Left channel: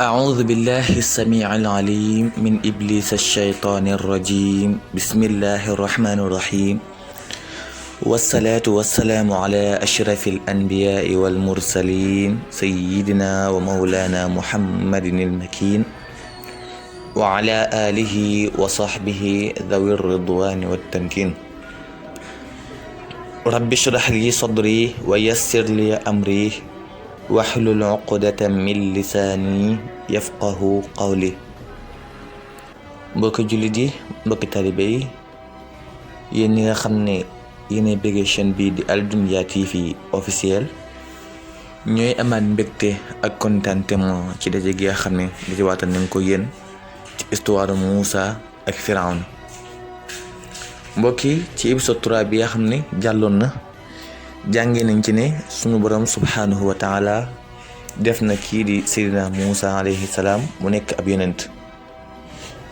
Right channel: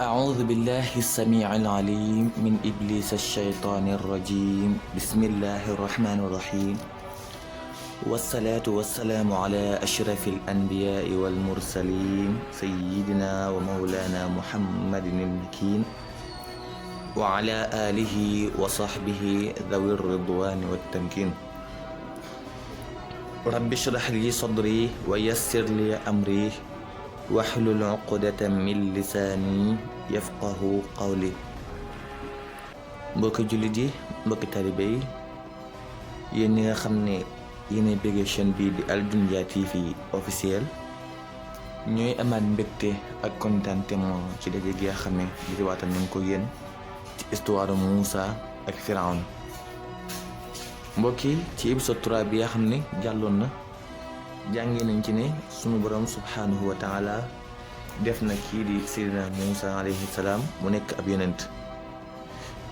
أعوذ بالله السميع العليم من إبليس الشيطان الرجيم بسم الله الرحمن الرحيم والصلاة والسلام على أشرف الأنبياء والمرسلين سيدنا ومولانا محمد المكين وعلى آله وصحبه ذوي الرضوان والتمكين رب اشرح لي صدري ويسر لي أمري waxlul uqdatan min lisaani yafqahu qawli. mbokki jullit yi, mbokki talibe yi, yéen ñi nga xam ne yéenay bëggee chaîne bii di Al-Dunya TV officiel, ñooy amaat mbégte ak contentement ci daje gi nga xam ne daje waatal nañ ko yéen ci histoire Moussa ak Firawna. mbokki ci épisode 3 bi nga xam ne jàlloon na, jàngee nañ ci ne sunu borom subhanahu wa taala def na kii di Seydina Moussa alayhi salaam mu nekk ab yonent.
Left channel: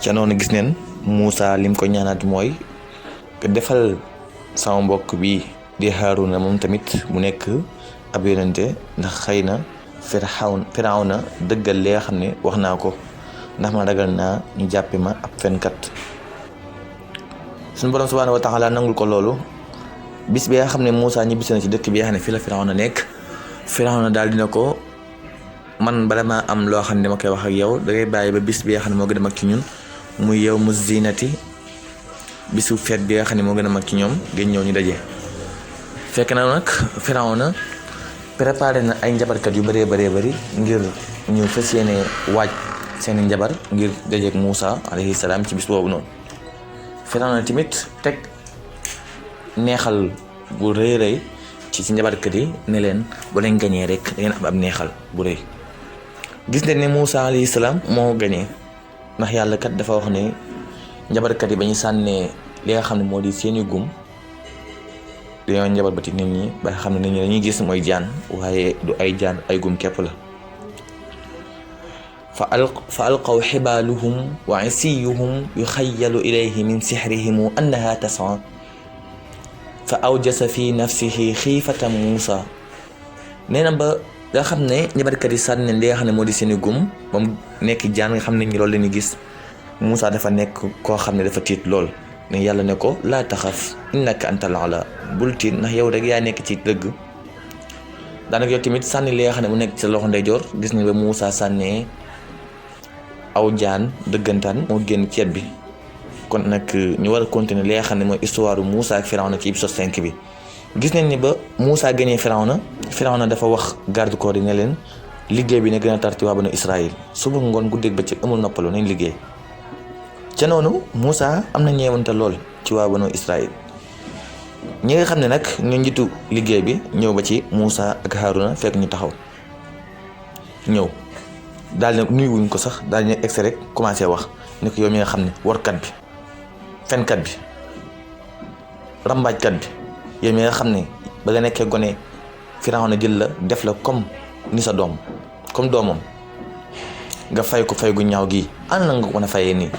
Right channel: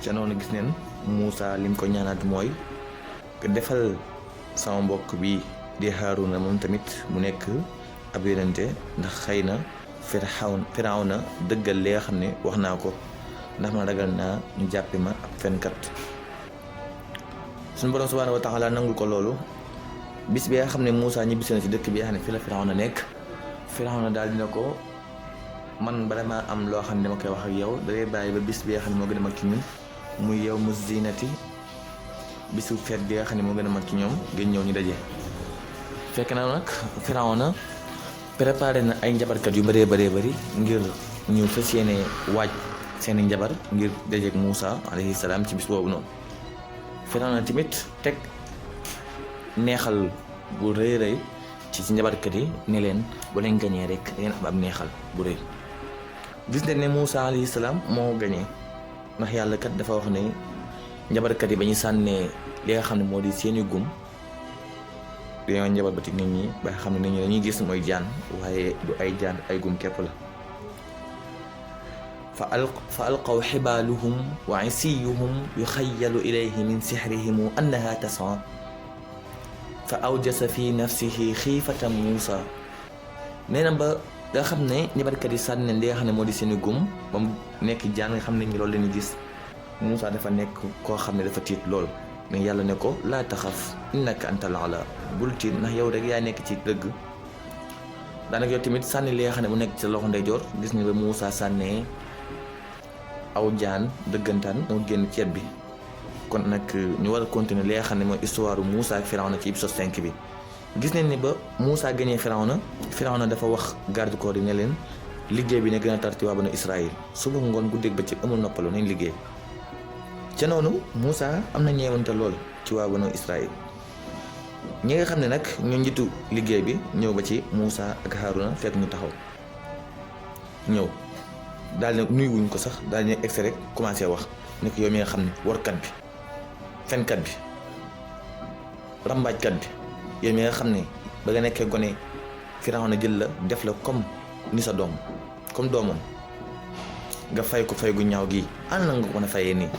ca noonu gis neen Moussa lim ko ñaanaat mooy defal sama mbokk bi di Haaruna moom tamit mu nekk ab yonente, ndax xëy na Firawna dëggal li nga xam ne wax naa ko, ndax ma ragal naa ñu jàppe ma ab fenkat. sunu borom subhanahu wa taala nangul ko loolu. bis bi nga xam ne Moussa ñibbisi na ci dëkk bi nga xam ne fii la Firawna nekk, Firawna daal dina ko, man bala maa am loo xam ne ma koy wax ak yow dangay bàyyi ba bis bi nga xam ne moo gën a mag ci ñun muy yow mu zinati, bisu feet bi nga xam ne moo gën a mag ci ñoom, ngeen ñëw ñu daje. fekk na nag Firawna préparé na ay njabarkat yu bëree bëri ngir ñu fas yéene waaj seeni njabar ngir dajeek Moussa alayhi salaam ci bis boobu noonu. Firawna tamit teg neexal bu rëy rëy ci njabarkat yi ne leen bu leen gañee rek da ngeen am ab neexal bu rëy. gis nañ ne Moussa alayhi salaam moo gañee, ndax yàlla kat dafa wax ne njabarkat yi ba ñu sànnee li nga xam ne moo di seeni gum dañoo njabar ba ci nit ñi ba nga xam ne nit ñi dañuy gis mooy jaan, waaye du ay jaan, ay gum képp la. fa alqaw xibaaluhum wa isiyuhum yuxayyalu ilayhi min sixrihim annaha tas'a fa awjasa fi nafsihi xiifata Moussa. nee na ba nga xam ne njabarkat yi sànni li nga xam ne moo di seeni gum ba mu nekk jaan nga xam ne ñi loolu la ñuy gis, Moussa dafa nekk koo xam ne dafa tiit lool. ne yàlla ne ko laa taxaf innaka antal a'laa, bul tiit ndax yow rek yaa nekk ci dëgg. daanaka yow tamit sànni li nga xam ne mu nekk ci loxo ndeyjoor, gis nga ba Moussa sànnee aw jaan dëggantaan moo génn ceeb bi. kon nag ñu war a continuer li nga xam ne mooy histoire Moussa ak Firawna ci épisode 5 bi. gis nañ ni ba Moussa gañee Firawna dafa wax garde corps yi ne leen liggéey bi ne gën a tar ci waa banu Israël, suba ngoon guddeeg bëccëg amul noppalu nañ liggéey. ca noonu Moussa am na ñeewante lool ci waa banu Israël. ñi nga xam ne nag ñu njiitu liggéey bi ñëw ba ci Moussa ak Haaruna fekk ñu taxaw ñëw daal ne nuyuwuñ ko sax, daal ne egsi rek commencé wax ne ko yow mi nga xam ne warkat bi, fenkat bi, rambaajkat bi, yow mi nga xam ne ba nga nekkee gone Firawna jël la def la comme ni sa doom, comme doomam, nga fay ko fay gu ñaaw gi, ana na nga ko mën a fayee nii?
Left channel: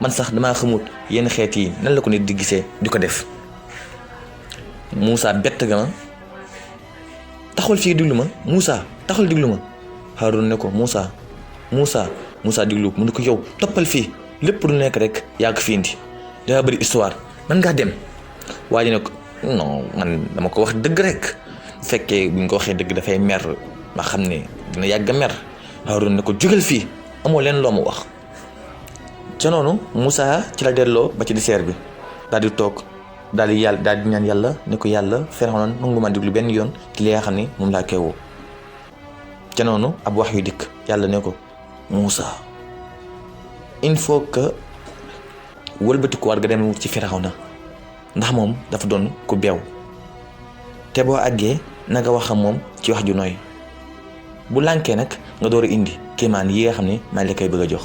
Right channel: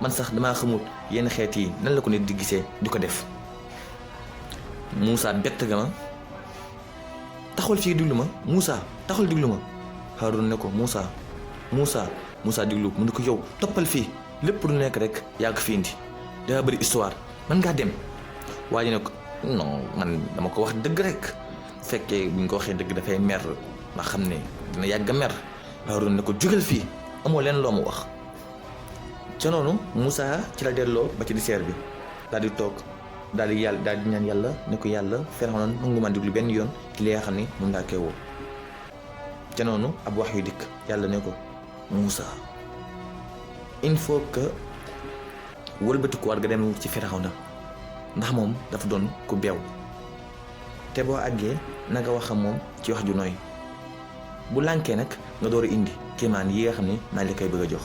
man sax damaa xamut yenn xeet yi nan la ko nit di gisee di ko def. Moussa bett nga ma, taxawal fii diglu ma, Moussa taxawal diglu ma. Haaruna ne ko Moussa diglu mu ne ko yow toppal fii, lépp lu nekk rek yaa ko fi indi, danga bëri histoire, man ngaa dem. waa ji ne ko non, man dama ko wax dëgg rek. fekkee bu ñu ko waxee dëgg dafay mer, ma xam ne dina yàgg mer. Haaruna ne ko jógal fii, amoo leen loo ma wax. ca noonu Moussa ci la delloo ba ci dessert bi, daal di toog daal di ñaan yàlla ne ko yàlla Firawna nangu ma diglu benn yoon ci li nga xam ne moom laa koy woo. ca noonu ab wax yu dikk, yàlla ne ko Moussa il faut que wëlbatiku war nga dem ci Firawna, ndax moom dafa doon ku beew, te boo àggee na nga wax ak moom ci wax ju nooy. bu lànkee nag nga door a indi kéemaan yi nga xam ne maa ngi la koy bëgg a jox.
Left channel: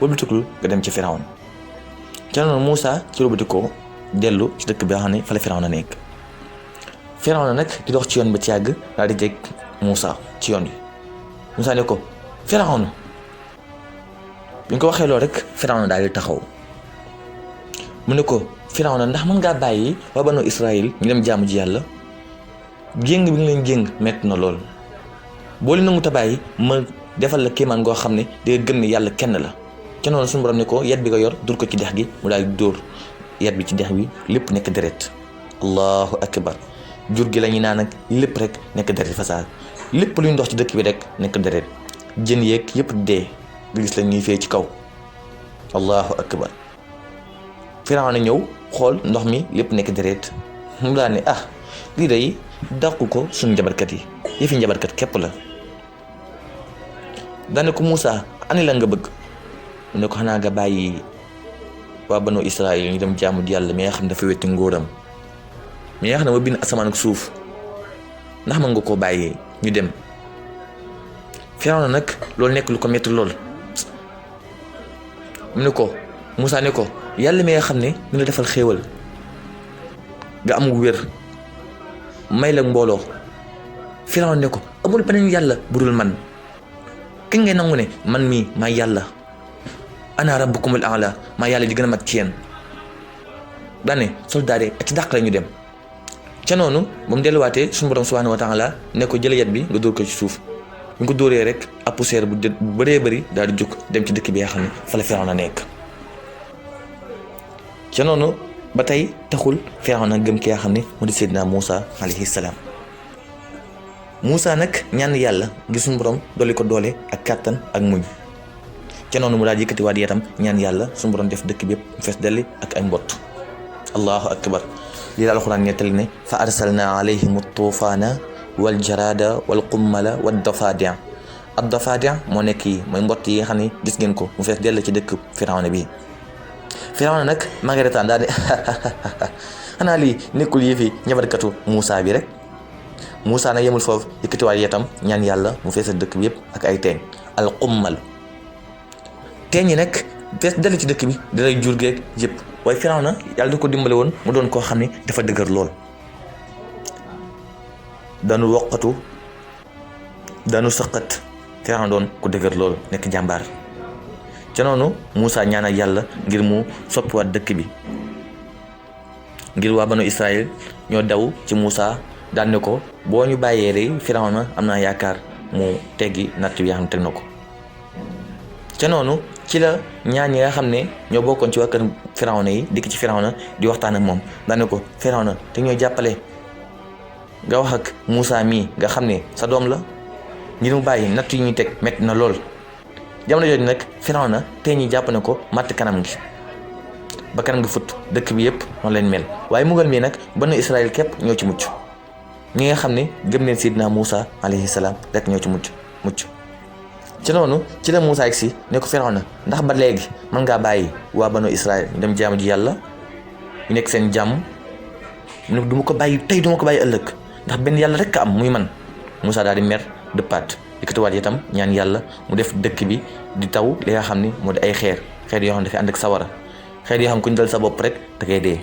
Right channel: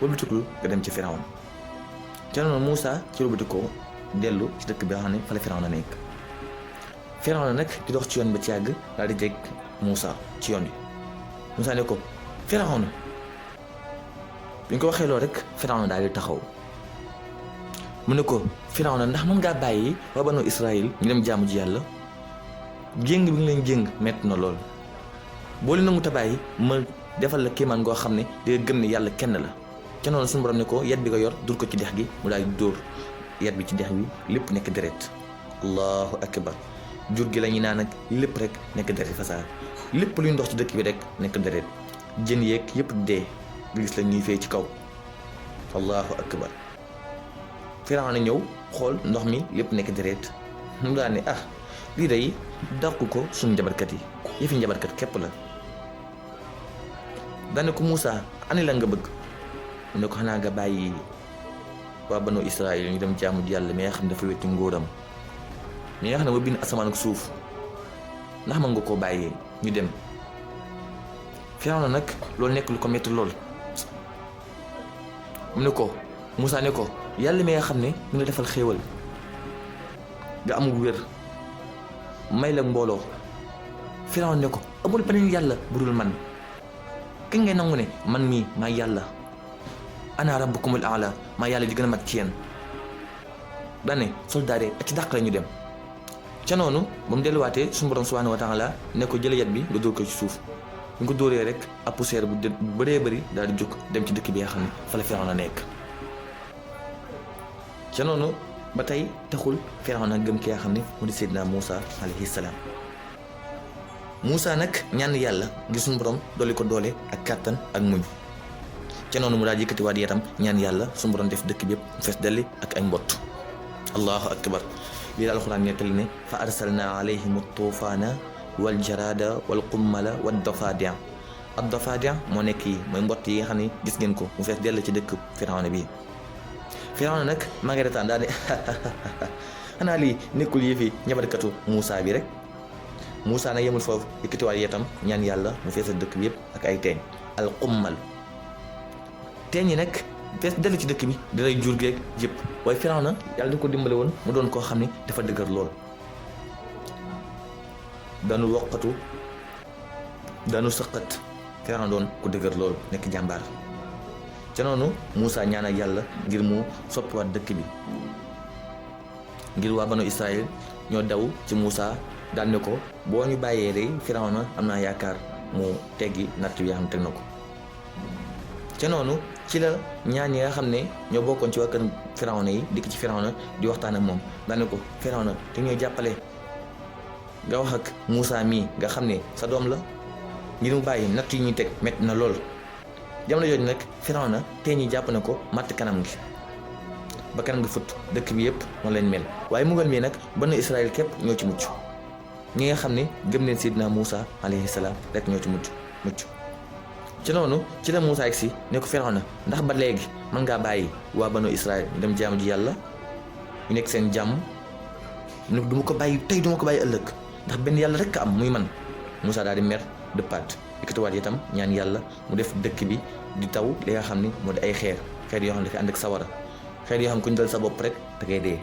wëlbatikul nga dem ci Firawna. ca noonu Moussa ci wëlbatikoo dellu ci dëkk bi nga xam ne fa la Firawna nekk. Firawna nag di dox ci yoon ba ci yàgg daal di jeg Moussa ci yoon wi. Moussa ne ko Firawna. bi ñu ko waxee loolu rek Firawna daal di taxaw. mu ne ko Firawna ndax mën ngaa bàyyi waa banu Israël ñu dem jaamu ji yàlla? jéng bi nga leen jéng metti na lool. boo leen nangu ta bàyyi ma defal la kéemaan goo xam ne day gëm ne yàlla kenn la. ca noonu suñu borom ne ko yet bi nga yor dur ko ci dex gi mu daal di dóor yet bi ci dex bi lépp nekk deret. allahu akbar. jur gi la ñuy naan ak lépp rek nekk deret fasaa lépp luy ndox ci dëkk bi rek nekk deret jën yeeg yëpp dee nga gis la ñuy fee ci kaw. allahu akbar. Firawna ñëw xool ndox mi lépp nekk deret mu daal ne lii day dàqu ko suñu njabarkat yi yëfi njabarkat képp la. daane ko Moussa ani la nga bëgg mu ne ko xanaa nga bàyyi waa banu Israël ñu dem jaamu yàlla mi nga xam ne dafa wetti ngóoram mi nga xam ne ma bind asamaan ak suuf ndax mën nga koo bàyyi ñu dem. Firawna nag loolu nekk lu ko metti lool mu ne ko Moussa ne ko yàlla mi nga xam ne ñu la defal xéewal nga am wér may la mbooloo. Firawna ne ko amul beneen yàlla budul man kañ ngay nangu ne man mii maa yàlla ana rabbukumul a'la maa yàlla di gën a mag ci yéen. daane soldaar yi ak ci dàq la ñu dem. ca noonu ba mu delluwaatee suñu borom subhanahu wa taala ne ko jële yet bi nga dóor ko ci suuf ñu ko dóoree rek ab poussière bu bëree bëri daal di jóg dem ci dëkk bi nga xam ne fa la Firawna nekk. ca noonu ba tey taxul Firawna gëm ki nga xam ne moo di Seydina Moussa alayhi salaam. Moussa nag ñaan yàlla ngir suñu borom dolli ko doole ak kàttan ak muñ. ca noonu mu daal yëkkati waat yatam ñaan yàlla suñu borom def dëkk bi yëpp mu fees delli ak ay mbott. allahu akbar. lii la alxuraan nettali ne fa arsalna alayhim tuufaana wal jarada wal qummala wad dafadia. ad dafadia moo nekk yi mooy mbott yi nga xam ne gis ngeen ko mu fees dell ci dëkk Firawna bi. Firawna nag magaretaan daal di xanaa lii nekkul yëfi ñabarkatu Moussa bi rek. Moussa nag yemul foofu yëkkatiwaat yatam ñaan yàlla mu feesal dëkk bi yëpp ak ay teeñ al qummal. teeñ yi nag fees dell ci dëkk bi dalay jur geeg yëpp waaye Firawna yàlla du ko dimbale woon mu doon koo xam ne dafa dëgër lool. daanu woqatu daanu sëqat Firawna doon ku dëgër lool nekk jàmbaar. ca noonu Moussa ñaanal yàlla ngir mu soppiwaat dëkk bi ngir waa banu Israël ñoo daw ci Moussa daan ne ko boo ñu bàyyee rek Firawna am naa yaakaar mu teggi natt bi nga xam ne teg na ko. ca noonu ci la ñaan yi nga xam ne ñoo bokkoon ci waa kër Firawna yi dikk ci Firawna di waxtaan ak moom daan ne ko Firawna te ñoo jàppale nga wax ak Moussa mii nga xam ne sa doom la ngir mu bàyyi natt yi ñuy teg métti na lool. jamono jooju nag Firawna tey ñi jàpp ne ko matt kanam gi ba kanam gi fut dëkk bi yëpp noonu leen mel. waaye mugal mii nag banu Israël képp ñoo ci mucc ñi nga xam ne gëm neen Seydina Moussa alayhi salaam rek ñoo ci mucc. ci noonu ci la Moussa si ne ko Firawna ndax ba léegi mën ngaa bàyyi waa banu Israël dem jaamu ji yàlla ñu nekk seen jàmm ñu du ma ko bàyyi tey du ma ko bàyyi ëllëg ndax benn yàlla rek a am muy man. Moussa daal di mer dëppaat yëkkatiwaat itam ñaan yàlla mu def dëkk bi di taw li nga xam ne moo di ay xeer yoo xam ne dafay ànd ak sawara xeer yoo xam ne ku ñu dal sa bopp rek da ngay dee.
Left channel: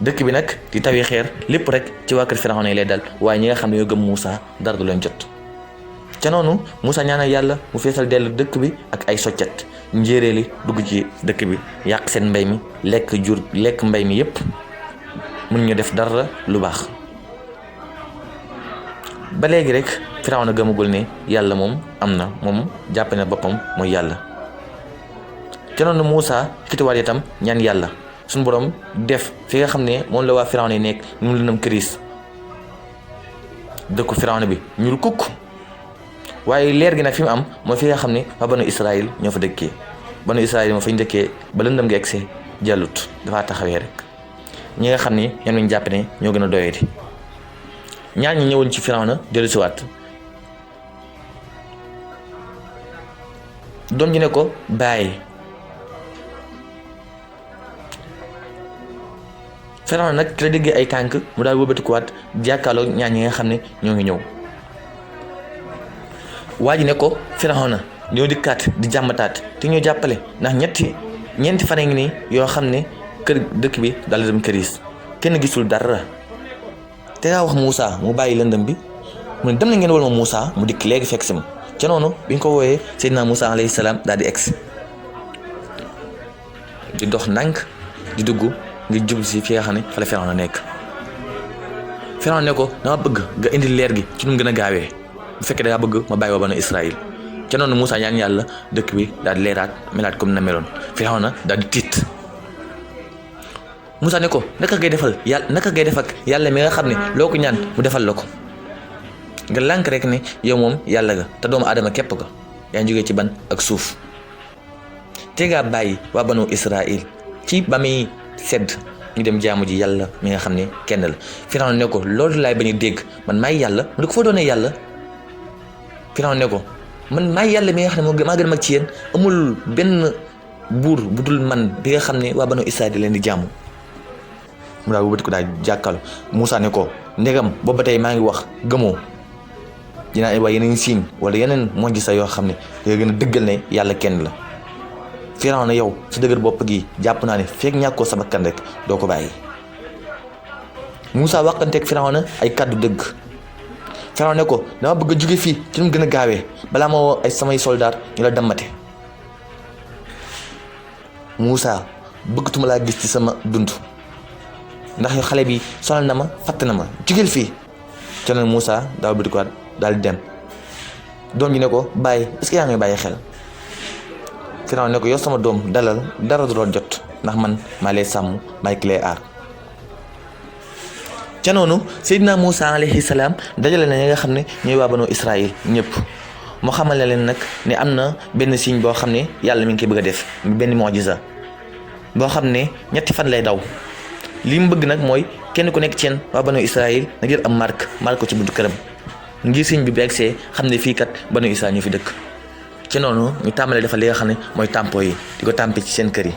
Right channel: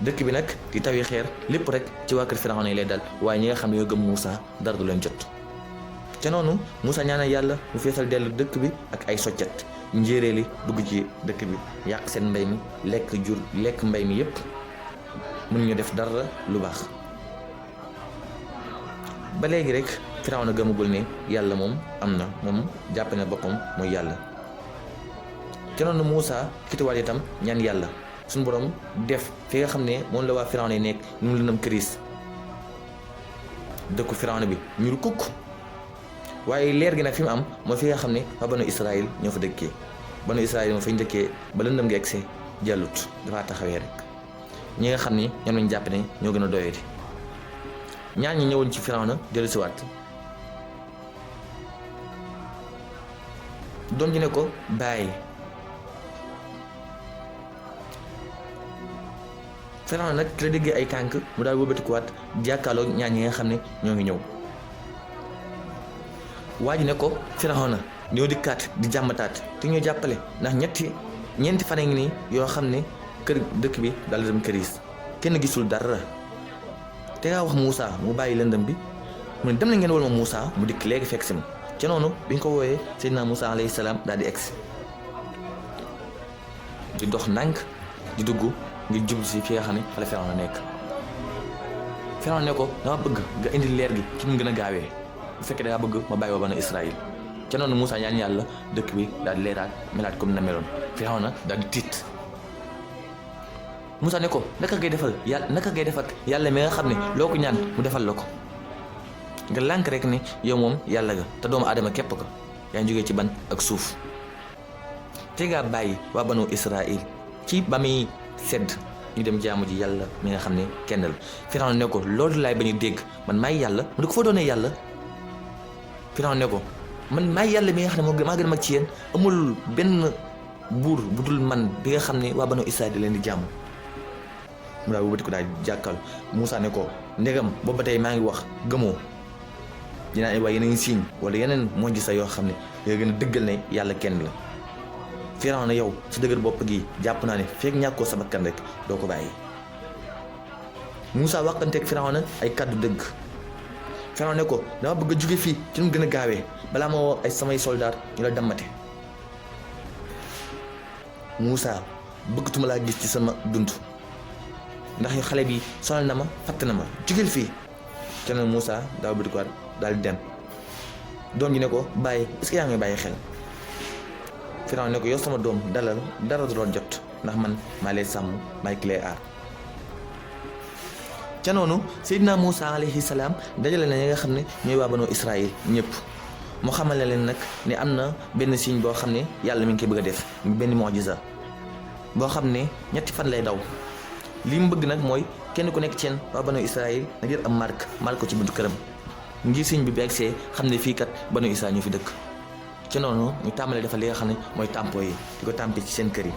dëkk bi nag di tawee xeer lépp rek ci waa kër Firawna lay dal waaye ñi nga xam ne ñoo gëm Moussa dara du leen jot. ca noonu Moussa ñaanal yàlla mu feesal dellu dëkk bi ak ay soccet njéeréeli dugg ci dëkk bi yàq seen mbay mi lekk mbay mi yépp mun ñu def dara lu baax. ba léegi rek Firawna gëmagul ne yàlla moom am na moom jàpp na boppam mooy yàlla. ca noonu Moussa yëkkatiwaat itam ñaan yàlla suñu borom def fi nga xam ne moom la waa Firawna yi nekk mu lëndëm këriis dëkku Firawna bi ñuul kukk waaye leer gi nag fi mu am mooy fi nga xam ne waa banu Israël ñoo fa dëkkee banu Israël moo fa ñu dëkkee ba lëndëm gi egsee jàllut dafa taxawee rek ñi nga xam ne ñoom lañ jàpp ne ñoo gën a doyati. ñaar ñi ñëwoon ci Firawna dellusiwaat doom ji ne ko bàyyi. Firawna nag ki la déggee ay tànk mu daal wëlbatikuwaat jàkkaarloo ñaar ñi nga xam ne ñoo ngi ñëw. waa ji ne ko Firawna ñoo dikkaat di jàmmataat te ñoo jàppale ndax ñeenti fan ngi nii yoo xam ne kër dëkk bi daal di dem këriis kenn gisul dara. te ngaa wax Moussa mu bàyyi lëndëm bi mu ne dem na ngeen wal ma Moussa mu dikk léegi fekk si ma ca noonu bi ñu ko wooyee Seydina Moussa alayhi salaam daal di egsi di dox ndànk di dugg ngir jublu si fi nga xam ne fa la Firawna nekk. Firawna ne ko dama bëgg nga indi leer gi ci nu mu gën a gaawee bu fekkee da ngaa bëgg ma bàyyi waa banu Israël ca noonu Moussa ñaan yàlla dëkk bi daal di leeraat melaat comme na meloon Firawna daal di tiit Moussa ne ko naka ngay def ak yàlla mi nga xam ne loo ko ñaan mu defal la ko nga lànk rek ne yow moom yàlla ga te doomu aadama képp ga yaa ngi jógee ci ban ak suuf te ngaa bàyyi waa banu Israël ci ba muy sedd ñu dem jaamu ji yàlla mi nga xam ne kenn la Firawna ne ko loolu laay bañ a dégg man maay yàlla mu ne ko foo doonee yàlla Firawna ne ko man maay yàlla mi nga xam ne maa gën a mag ci yéen amul benn buur bu dul man bi nga xam ne waa banu Israël di leen di jaamu mu daal bu bët ko daal jàkkaarloo Moussa ne ko ndegam booba tey maa ngi wax gëmoo dinaa wax yeneen signe wala yeneen mujjiza yoo xam ne yoo gën a dëggal ne yàlla kenn la Firawna yow sa dëgër bopp gi jàpp naa ne fekk ñàkkoo sa bakkan rek doo ko bàyyi Moussa waxanteeg Firawna ay kàddu dëgg Firawna ne ko dama bëgg a jóge fii ci nu mu gën a gaawee balaa ma woo ay samay soldaar ñu la dammate Moussa bëggatuma laa gis ci sama dund ndax yow xale bi sonal na ma fatt na ma jógeel fii ca nag Moussa daal bëti ko daal di dem doom ji ne ko bàyyi est-ce que yaa ngi bàyyi xel Firawna ne ko yow sama doom dalal dara du la jot ndax man maa lay sàmm maay ki lay aar ca noonu Seydina Moussa alayhi salaam dajale na ñi nga xam ne ñooy waa banu Israël ñëpp moo xamal leen nag ne am na benn signe boo xam ne yàlla mi ngi koy bëgg a def benn mu'jiza boo xam ne ñetti fan lay daw li mu bëgg nag mooy kenn ku nekk ci yéen waa banu Israël na jël am marque ko ci buntu këram ngir signe bi bu egsee xam ne fii kat banu Israël ñu fi dëkk ci noonu ñu tàmbalee defal li nga xam ne mooy tampo yi di ko tàmpe ci seen kër yi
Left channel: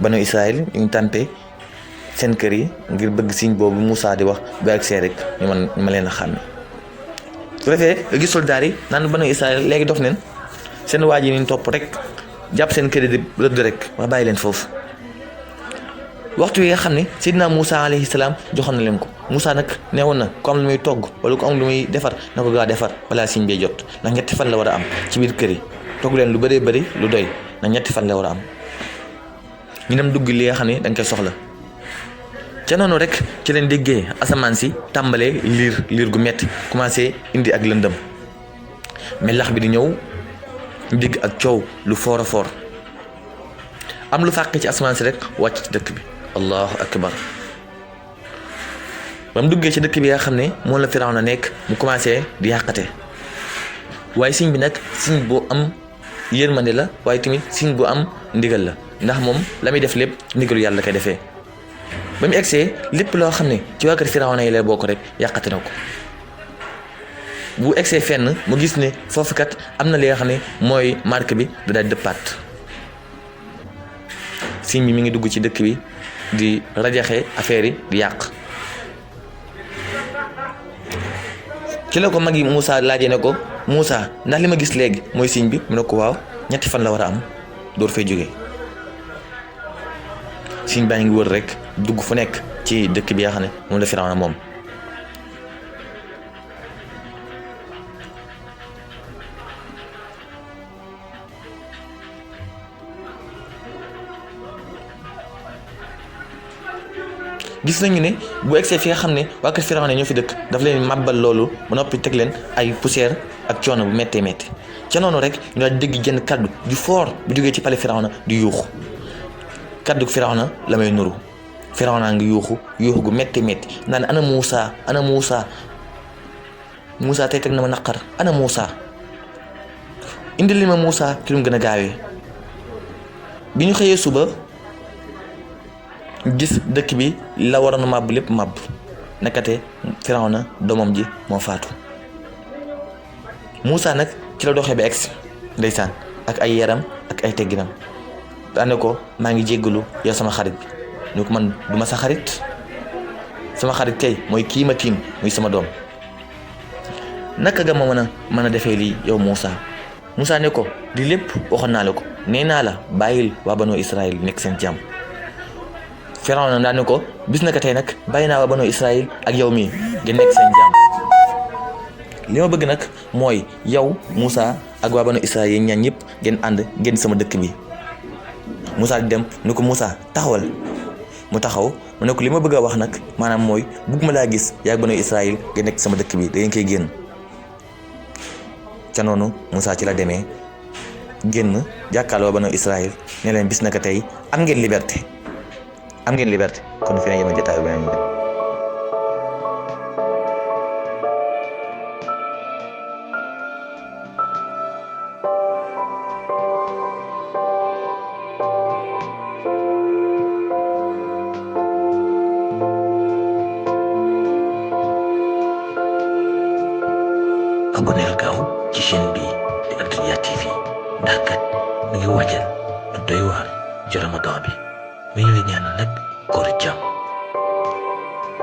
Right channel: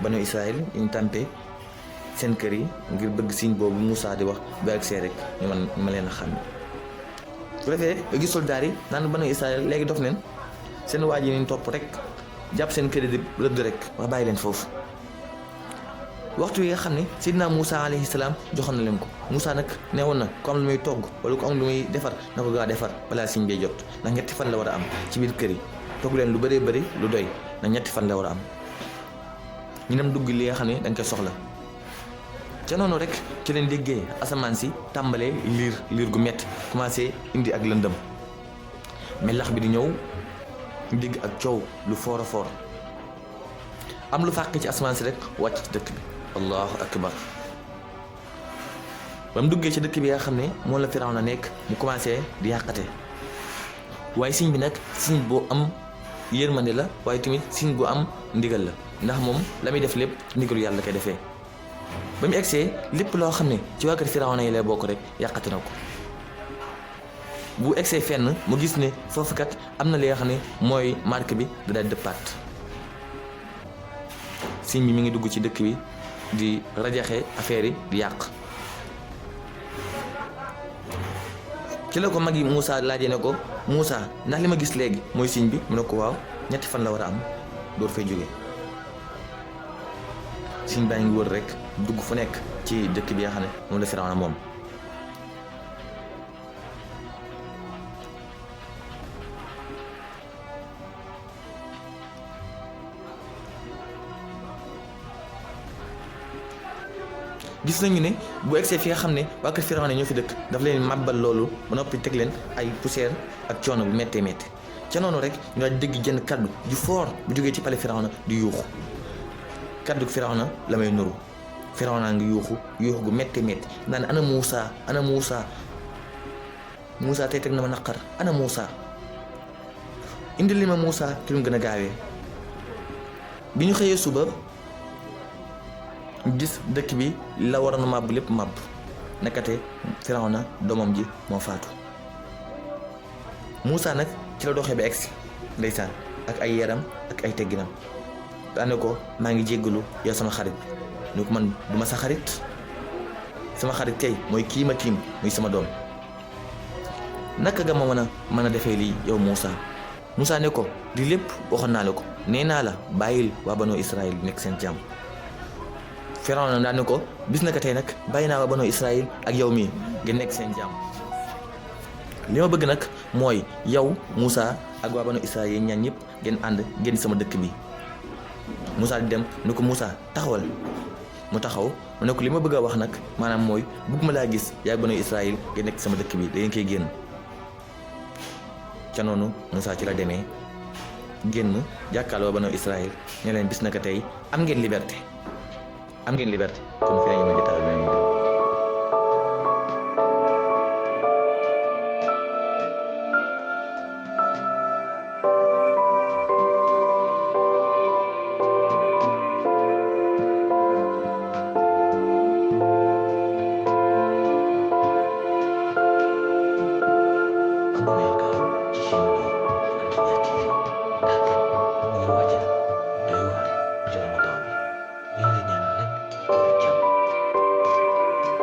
banu Israël ñu tàmpe seen kër yi ngir bëgg signe boobu Moussa di wax bu egsee rek ñu ma leen a xàmme su defee nga gis soldaar yi naan banu Israël léegi dof neen seen waa ji ñu topp rek jàpp seen kër yi di rëdd rek wax bàyyi leen foofu waxtu yi nga xam ne Seydina Moussa alayhi salaam joxoon na leen ko Moussa nag neewoon na ku am lu muy togg wala ku am lu muy defar na ko gaa defar balaa signe bee jot ndax ñetti fan la war a am ci biir kër yi togg leen lu bëree bëri lu doy ndax ñetti fan la war a am ñu dem dugg li nga xam ne dañ koy soxla ca noonu rek ci leen déggee asamaan si tàmbalee liir gu metti commencé indi ak lëndëm melax bi di ñëw ñu dégg ak coow lu foor a foor am lu fàqee ci asamaan si rek wàcc ci dëkk bi allahu akbar ba mu duggee ci dëkk bi nga xam ne moom la Firawna nekk mu commencé di yàqate waaye signe bi nag signe bu am yërmande la waaye tamit signe bu am ndigal la ndax moom la muy def lépp ndigalu yàlla koy defee ba mu egsee lépp loo xam ne ci waa kër Firawna yi lay bokk rek yàqate na ko bu egsee fenn mu gis ne foofu kat am na li nga xam ne mooy marque bi da daal dëppaat signe bi mi ngi dugg ci dëkk bi di rajaxe affaire yi di yàq ci la ko mag yi Moussa laajee ne ko Moussa ndax li ma gis léegi mooy signe bi mu ne ko waaw ñetti fan la war a am door fay jóge signe baa ngi wër rek dugg fu nekk ci dëkk bi nga xam ne moom la Firawna moom gis nañu ne bu egsee fi nga xam ne waa kër Firawna ñoo fi dëkk daf leen màbbal loolu ba noppi teg leen ay poussière ak coono bu méttee métti ca noonu rek ñu daal dégg jenn kaddu ju fort bu jógee ci pale Firawna di yuuxu kaddu Firawna la may nuru Firawna ngi yuuxu gu méttee métti naan ana Moussa ana Moussa Moussa tey teg na ma naqar ana Moussa indil li ma Moussa ci lu mu gën a gaawee bi ñu xëyee suba gis dëkk bi la waroon a màbb lépp màbb nekkate Firawna doomam ji moo faatu Moussa nag ci la doxee ba egsi ndeysaan ak ay yaram ak ay tegginam daane ko maa ngi jéggalu yow sama xarit bi ñu ko man du ma sa xarit sama xarit kay mooy kii ma tiim muy sama doom naka nga ma mën a defee lii yow Moussa ne ko di lépp waxoon naa la ko nee naa la bàyyil waa banu Israël nekk seen jàmm Firawna daan ne ko bis naka tey nag bàyyi naa waa banu Israël ak yow mii ngeen nekk seen jàmm li ma bëgg nag mooy yow Moussa ak waa banu Israël yi ñaan ñëpp ngeen ànd ngeen sama dëkk bi Moussa di dem ni ko Moussa taxawal mu taxaw mu ne ko li ma bëgg a wax nag maanaam mooy bëgg ma laa gis yaa banu Israël ngeen nekk sama dëkk bi da ngeen koy génn ca noonu Moussa ci la demee génn jàkkaarloo banu Israël ne leen bis naka tey am ngeen liberté kon fi ne yéen a jotaay ba ñu aboneel gaaw ci chaîne bi di Al-Hayaat TV ndax kat mi ngi waajal lu doy waar ci Ramadan bi mi ngi la ñaan nag koor jàmm